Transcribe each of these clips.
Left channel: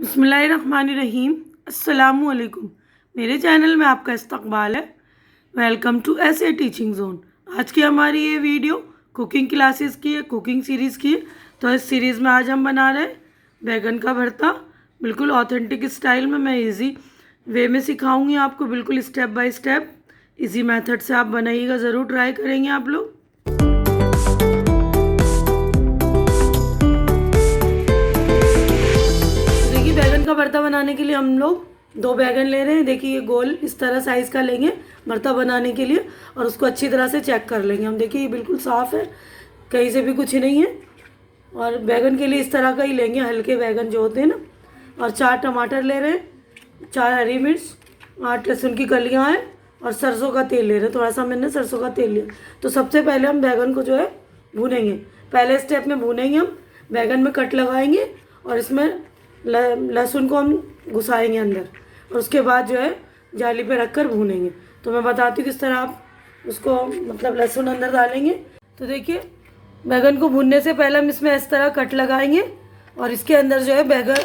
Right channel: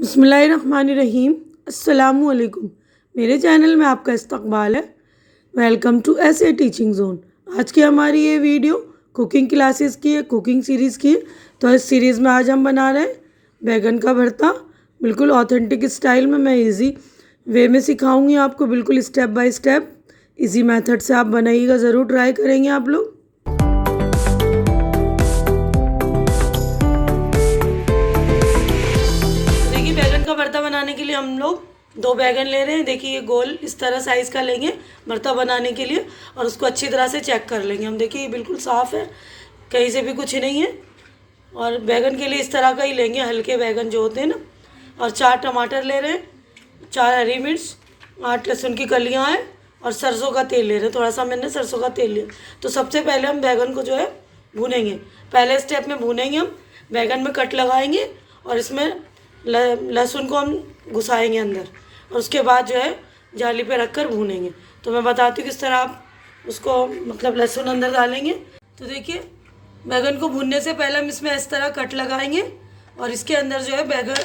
बिस्मिल्लाहिर्रहमानिर्रहीम। अस्सलामुअलैकुम। मेरे चैनल में आपका इस्तकबाल है। वेलकम टू ऐसे टीचिंग जोन। आज की हमारी ये वीडियो कुकिंग क्लासेस की है, कुकिंग सीरीज़ की। तो इस सीरीज़ में आज हम बना रहे हैं बैगन का भरता, बिल्कुल ऑथेंटिक स्टाइल में। मैं इजी वे में सिखाऊंगी आपको, बिल्कुल step by step easy method से आप बनाइएगा, ज़रूर ट्राई करेंगे आप लोग। बैगन का भरता बनाने के लिए हम लोग 2 बैगन ले रहे हैं। देखिए ये गोल इस तरह साइज़ का लेंगे भरता बनाने के लिए, और उसको अच्छी तरह से चेक कर लेंगे हम। देखिए ये बिल्कुल साफ़ है, कहीं से भी कुछ नहीं है। और बैगन के लिए इस तरह का ही लेंगे, हल्के बैगन जो होते हैं ना। और 4 टमाटर ले रहे हैं, 4 हरी मिर्च, 8 लहसुन की कलियाँ हैं, और सरसों का तेल ले रहे हैं। थोड़ा सा मैंने सरसों का तेल लिया। तो सबसे पहले हम बैगन को जो है भूनेंगे। पहले स्टेप में भूनेंगे हम, बैगन में कट लगाएंगे और इसमें लहसुन को हम घुसाएंगे अंदर, और उसके बाद जो है जाली पे रखकर भूनेंगे। तो मैं बताती हूँ किस तरह आप उसको मतलब लहसुन अंदर डालेंगे। तो देखिए बैगन को भूनने से पहले हम इसमें इस तरह कट लगाएंगे, और इसके अंदर जो है बैगन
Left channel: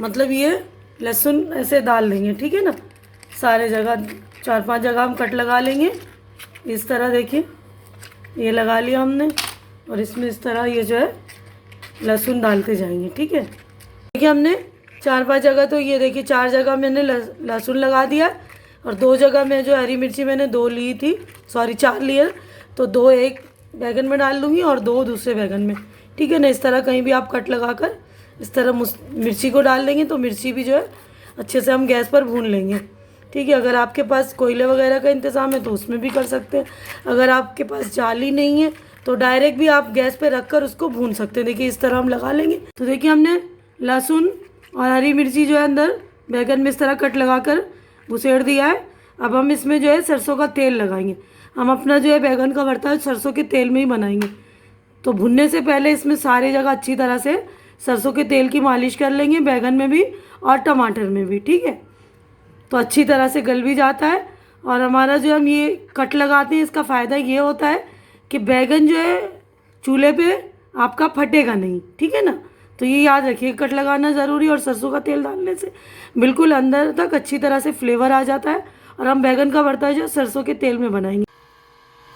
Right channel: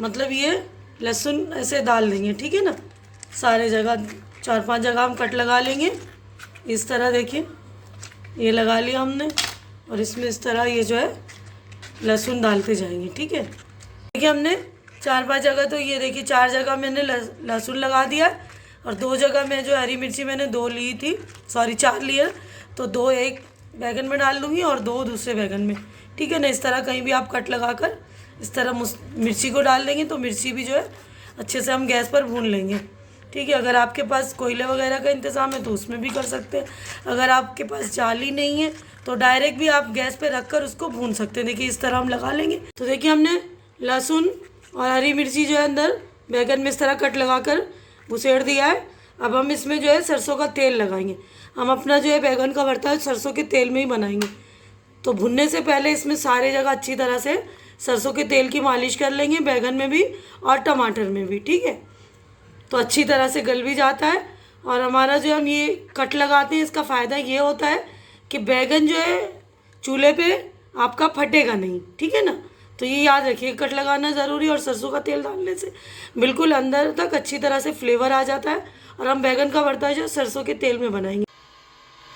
मतलब ये लहसुन ऐसे डाल देंगे, ठीक है ना। सारे जगह 4-5 जगह हम कट लगा लेंगे इस तरह। देखिए ये लगा लिया हमने, और इसमें इस तरह ये जो है लहसुन डालते जाएंगे, ठीक है। देखिए हमने 4-5 जगह, तो ये देखिए 4 जगह मैंने लहसुन लगा दिया, और 2 जगह में जो हरी मिर्ची मैंने 2 ली थी, सॉरी 4 लिए, तो 2 एक बैगन में डाल दूँगी और 2 दूसरे बैगन में, ठीक है ना। इस तरह कहीं भी आप कट लगाकर इस तरह मिर्ची को डाल देंगे, तो मिर्ची भी जो है अच्छे से हम गैस पर भून लेंगे, ठीक है। अगर आपके पास कोयले वगैरह का इंतज़ाम है तो उसमें भी कर सकते हैं। अगर आपके पास जाली नहीं है तो डायरेक्ट भी आप गैस पे रख कर उसको भून सकते हैं। देखिए इस तरह हम लगा लेंगे। तो देखिए हमने लहसुन और हरी मिर्ची जो है अंदर बैगन में इस तरह कट लगाकर घुसेड़ दिया है। अब हम इसमें जो है सरसों का तेल लगाएंगे। हम अपना जो है बैगन का भरता है सरसों के तेल में ही बनाएंगे। तो भुनने से पहले इसमें सारे जगह अच्छी तरह से सरसों के तेल की मालिश कर लेंगे, बैगन में भी और टमाटर में भी, ठीक है। तो अच्छी तरह से गल भी जाता है। और हमारा जो हम ये कट लगाते हैं, इसका फ़ायदा ये होता है कि बैगन जो है चूल्हे पे आपका फटेगा नहीं, ठीक है ना। तो ये याद रखिए, कट लगाना ज़रूरी है। और सरसों का तेल डालने से बिल्कुल अंदर तक अच्छी तरह से फ्लेवर आ जाता है, और हम बैगन का भरता जो सरसों के तेल में बनाएंगे।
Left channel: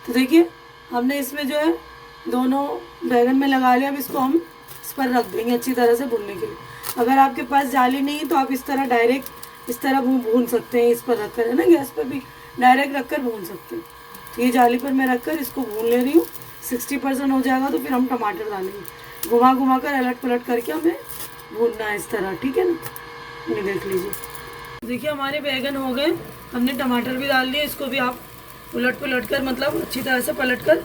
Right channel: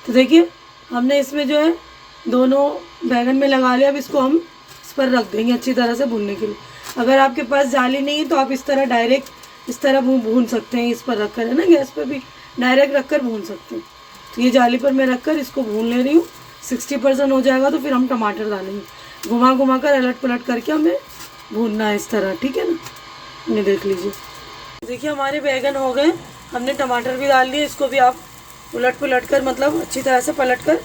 तो देखिए हमने इसमें जो है दोनों बैगन में लगा लिया। अब इसको हम इस पर रख देंगे अच्छी तरह से भूनने के लिए। अगर आपके पास जाली नहीं है तो आप इस तरह डायरेक्ट इस तरह भून सकते हैं। इस पर रख कर, है ना, गैस पर भी डायरेक्ट रख कर भून सकते हैं। तो ये जाली पर मैं रख कर इसको भून ले रही हूँ। 60% हो जाएगा तो फिर हम टमाटर डालेंगे। घुमा घुमा कर अलट पलट करके हमें भूनना है इस तरह, ठीक है ना। ये देख लीजिए, देखिए हमारे बैगन हो गए। हमने टमाटर भी डाल दिए, इसको भी आप उलट पलट कर मतलब अच्छी तरह से पलट कर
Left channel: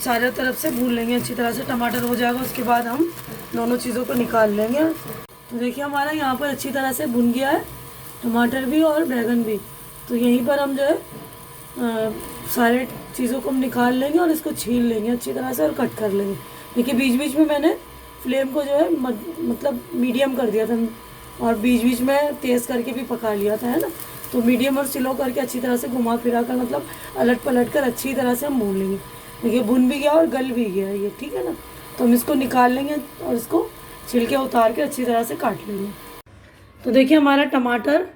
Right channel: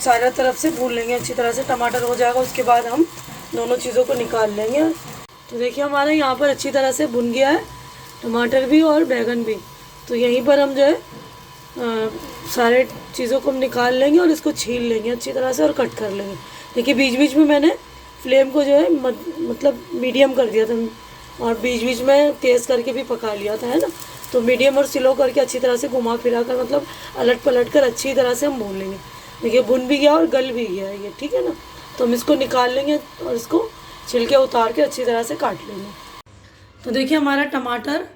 सारा तरफ से भून लेंगे अच्छी तरह से। टमाटर हो जाएगा, उसके बाद हम दोनों चीज़ों को निकाल लेंगे। तो देखिए हमारा यहाँ पर अच्छी तरह से भुन गया है टमाटर भी और बैगन भी। तो यहीं पर हम जो है सारे चीज़ों को हम निकाल लेंगे और इसको छील लेंगे अच्छी तरह से और कट कर लेंगे। देखिए बीच बीच में मैंने फ्लेम को जो है मतलब मीडियम कर दिया था, और बीच बीच में तेज़ करके भी पका लिया था, है ना। तो मीडियम और स्लो करके अच्छी तरह से घुमा फिरा कर मतलब अलट पलट कर अच्छी तरह से हम भून लेंगे। देखिए भुन भी गया और गल भी गया है ये, ठीक है ना। तो हम इसको निकाल लेंगे और इसको छिलके उतार के अच्छी तरह से काट लेंगे। तो देखिए हमारा टमाटर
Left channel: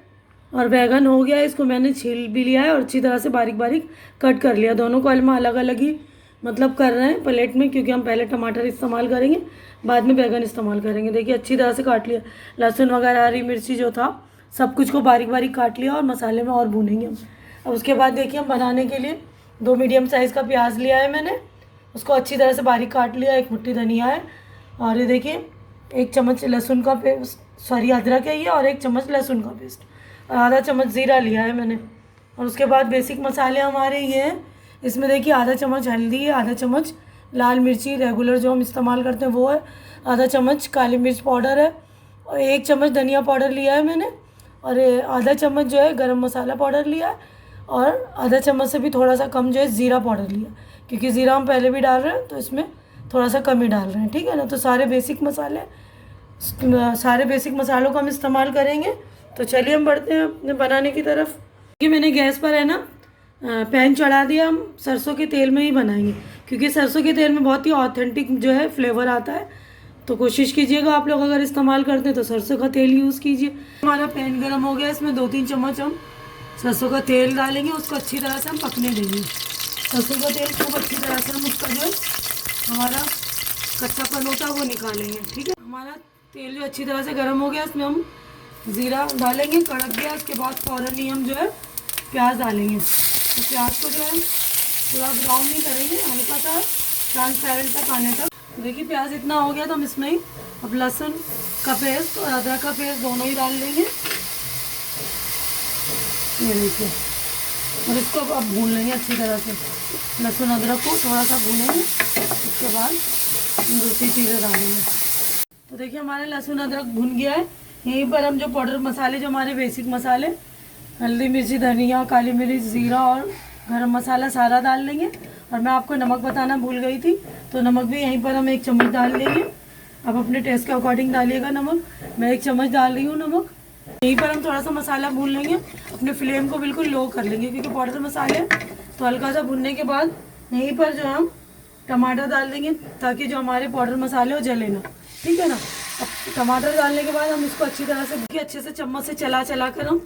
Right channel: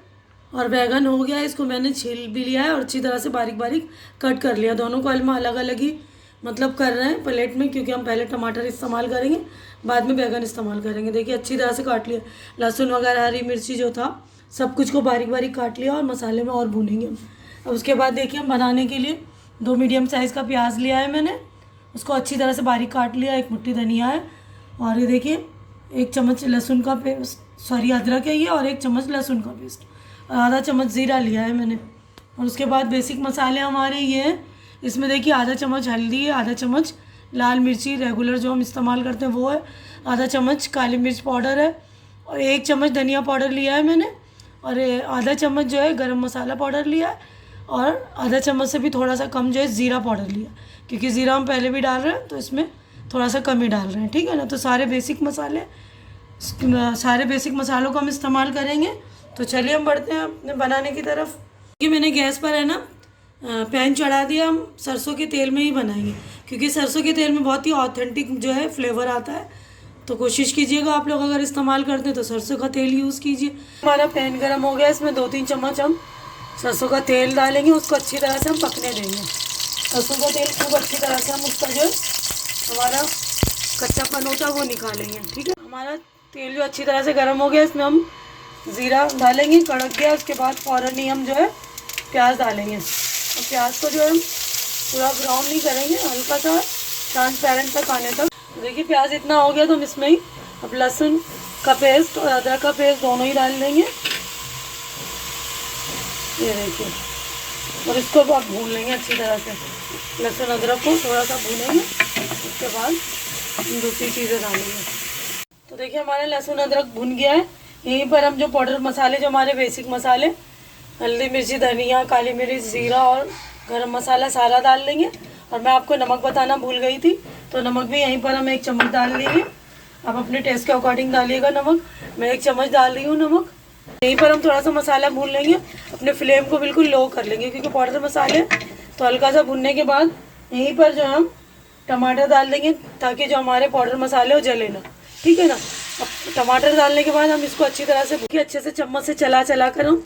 और बैगन हो गया है। इसको मैंने छील भी लिया है और अच्छी तरह से बारीक बारीक कट कर लिया। दोनों को हम अलग अलग ही मतलब कर रहे हैं प्लेट में, क्योंकि हम पहले टमाटर इस्तेमाल करेंगे, बाद में बैगन इस्तेमाल करेंगे। देखिए अच्छी तरह से काट लिया। लहसुन वगैरह हरी मिर्ची जो था सब कुछ को बारीक बारीक काट लिया, और मसाले में और भूनेंगे हम। अब उसके बाद देखिए हम बनाने के लिए 2 मीडियम साइज़ का प्याज लिया है मैंने, उसको अच्छी तरह से बारीक काट लिया। 1 मुट्ठी धनिया है, और ये देखिए 1 चम्मच लहसुन का पेस्ट, सॉरी अदरक है ये, और 1 चम्मच लहसुन का पेस्ट, और आधा चम्मच ज़ीरा लिया है मैंने। और उसके बाद बेसिक मसाले हमारे ये हैं। इसमें देखिए आधा चम्मच हल्दी है, आधा चम्मच लाल मिर्ची रेगुलर जो हम इस्तेमाल करते हैं वो है, आधा चम्मच काली मिर्च पाउडर है, और 1 चम्मच धनिया पाउडर लिया है मैंने, और आधा चम्मच जो है गरम मसाला पाउडर लिया है, और आधा चम्मच से भी थोड़ा सा कम जो है ज़ीरा पाउडर लिया, क्योंकि ज़ीरा हम पहले भी डाल रहे हैं तो इसमें थोड़ा सा कम ही डाल रहे हैं, ठीक है ना। तो सारे बेसिक मसालों का हम इस्तेमाल करेंगे। तो चलिए हम बढ़ते हैं अपने बनाने की तरफ। कि मैंने गैस पर है ना पैन चढ़ा दिया। हम सरसों के तेल में ही बनाएंगे, क्योंकि सरसों के तेल में बहुत ही ऑथेंटिक जो है फ्लेवर आता है तो कोशिश कीजिएगा आप लोग अगर इस्तेमाल करते हैं तो सरसों का तेल यूज़ कीजिए। हमारा पैन गर्म हो गया, इसमें 2-3 चम्मच हम सरसों का तेल डालेंगे, उसको अच्छी तरह से हम पकने देंगे। सरसों का तेल खूब अच्छी तरह से हम उसका जो है हमारा कच्चापन होता है वो निकालेंगे, ठीक है। हमारा तेल जो अच्छी तरह से गर्म हो गया, इसमें हम ज़ीरा डालेंगे, कड़क गया उसके बाद फ़ौरन ही हम जो है प्याज डालेंगे। तो प्याज को जो है पूरा ब्राउन नहीं करेंगे, हल्का सा ट्रांसपेरेंट तक आने तक। देखिए प्याज इतना हो गया तो हम इसमें ही अब लहसुन का पेस्ट और अदरक का पेस्ट दोनों ही डाल देंगे, ये देखिए। और इसको अब भून लेंगे अच्छी तरह से, लहसुन अदरक को थोड़ा सा भूनेंगे, उसके बाद दूसरी चीज़ें डालेंगे। तो देखिए हमारा लहसुन अदरक भुन गया है। यहीं पर हम जो पाउडर मसाले, जो हमारे बेसिक मसाले, हल्दी मिर्ची धनिया काली मिर्च ज़ीरा और गरम मसाला सारा डाल लेंगे। और मैं आपको नमक बताना भूल गई थी, तो नमक भी यहीं पर हम 1 चम्मच डाल लेंगे। आप अपने टेस्ट के अकॉर्डिंग डालिएगा नमक, मैं 1 चम्मच डाल रही हूँ नमक। यहीं पर हम थोड़ा सा मसाला भून लेंगे, अपने फ्लेम को बिल्कुल लो कर लेंगे क्योंकि पाउडर मसाले। तो हल्का सा भुनने के बाद यहीं पर जो हम टमाटर डाल देंगे ताकि जो हमारे पाउडर मसाले वो जले ना, ठीक है ना। अब टमाटर डालने के बाद हम इसको अच्छी तरह से अच्छे से चम्मच से चला कर हम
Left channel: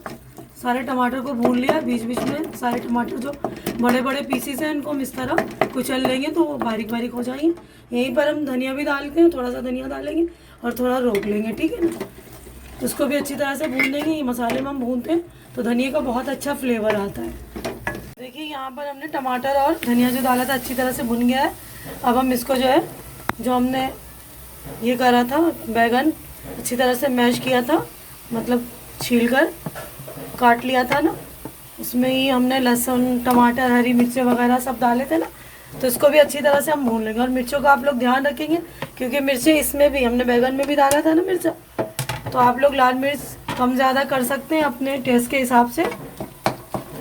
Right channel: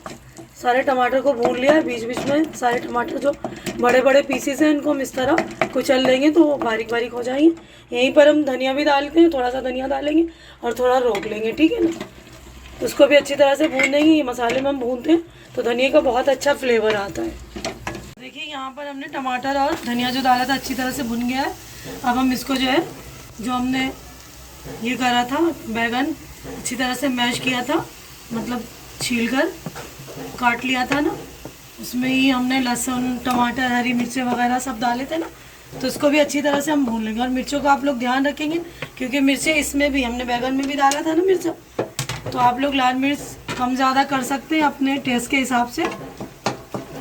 सारे टमाटर को भून लिया है। बीच बीच में सारे टमाटर जो बड़े बड़े पीसेस हैं इनको हम इस तरह कुचल लेंगे तो बारीक बारीक हो जाएंगे। यहीं पर हम धनिया भी डालते हैं, थोड़ा सा धनिया डालेंगे और थोड़ा रोक लेंगे, ठीक है ना। तो उसको भी अच्छी तरह से भून देंगे। ये मसाले में हम भूनते हैं तो धनिया का बहुत अच्छा फ्लेवर आता है। देखिए यहाँ पर हमने टमाटर और धनिया जो डाला था अच्छी तरह से भुन गया है। अब हम इसको जो है, जो हमने ये करा था बैगन अच्छी तरह से मैश किया था, मतलब छील कर काट लिया था ना, उसमें ही हमने लहसुन टमाटर हरी मिर्चें वगैरह सब डाले थे ना, तो इसको भी अच्छी तरह से हम भून लेंगे। और मिर्चों का आप लोग ध्यान रखेंगे क्योंकि मिर्चें इसमें भी हमने बैगन में भी डाला था ना मिर्चा, तो आप लोग लाल मिर्च कम ज़्यादा कर सकते हैं अपने टेस्ट के हिसाब से।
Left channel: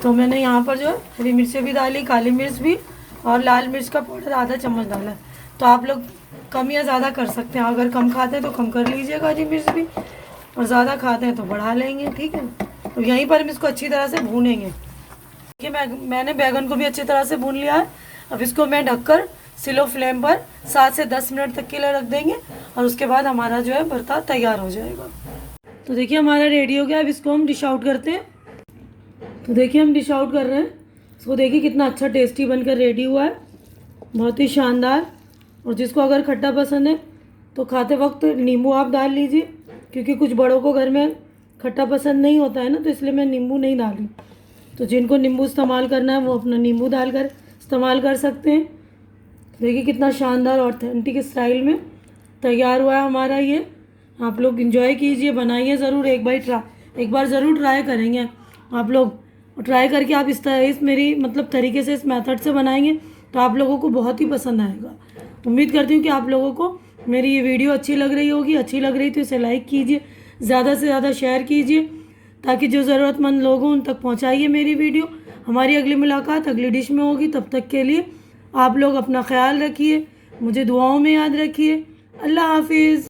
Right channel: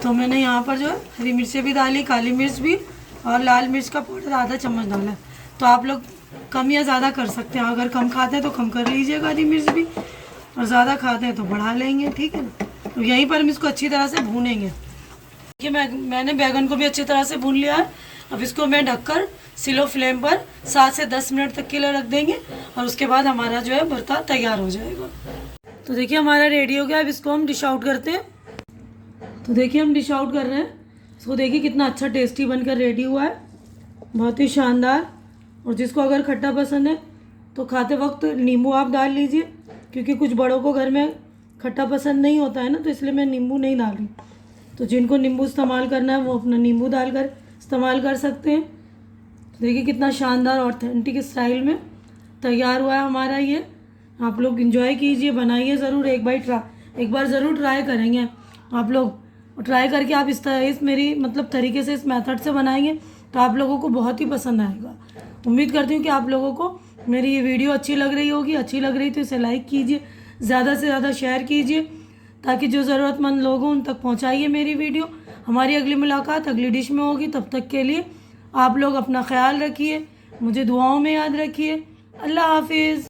तो मैंने यहाँ पर जो है हरी मिर्चें भी डाली, काली मिर्च भी, और लाल मिर्च का पाउडर आधा चम्मच डाला है। तो आप लोग कम या ज़्यादा कर सकते हैं, अगर कम खाते हैं तो कम कर लीजिएगा हरी मिर्च भी, और ज़्यादा खाते हैं तो बढ़ा लेंगे, ठीक है ना। तो यहीं पर हम इसको अच्छी तरह से भूनेंगे। देखिए मैंने बैगन को भी अच्छी तरह से भून लिया है। अब इसको मैं ढककर स्लो फ्लेम पर 7 से 10 मिनट तक के लिए रख देंगे और उसके बाद हमारा जो है भरता तैयार हो जाएगा। तो देखिए हमारा रेडी हो गया। अब इसको हम डिश आउट करते हैं। तो देखिए हम डिश आउट कर रहे हैं इसको। देखिए कितना अच्छा टेस्टी बनकर रेडी हुआ है, बहुत ही शानदार। और जिसको अगर खट्टा पसंद है तो खाते वक्त नींबू आप डाल लीजिए, क्योंकि कुछ बड़ों को घर में खट्टा पसंद नहीं होता है ना, तो इसलिए मैं नींबू नहीं डाली। तो जिनको नींबू इस्तेमाल करना है वो अपना नींबू डालकर इस्तेमाल कर सकते हैं। तो देखिए कितना शानदार ऑथेंटिक स्टाइल में तैयार हुआ है हमारा ये। आप लोग एंजॉय कीजिए, बनाइए ज़रूर, एक बार ज़रूर ट्राई करेंगे आप लोग। ट्राई करके आप इस मेरी मतलब तरीके से, इस मेथड से बनाएंगे तो आप लोगों को बहुत ही पसंद आएगा। उम्मीद करती हूँ कि आप लोगों को मेरी ये वीडियो अच्छी लग रही होगी। अच्छी लग रही तो इसे लाइक कीजिए, ज़्यादा से ज़्यादा शेयर कीजिए ताकि जो ज़रूरतमंद लोग हों उन तक पहुँचाइए मेरी वीडियो। हमारी अगली मुलाकात अगली डिश में होगी। तब तक के लिए आप लोग अपना ख्याल रखिए, मुझे दुआओं में याद रखिए। अल्लाह हाफिज़।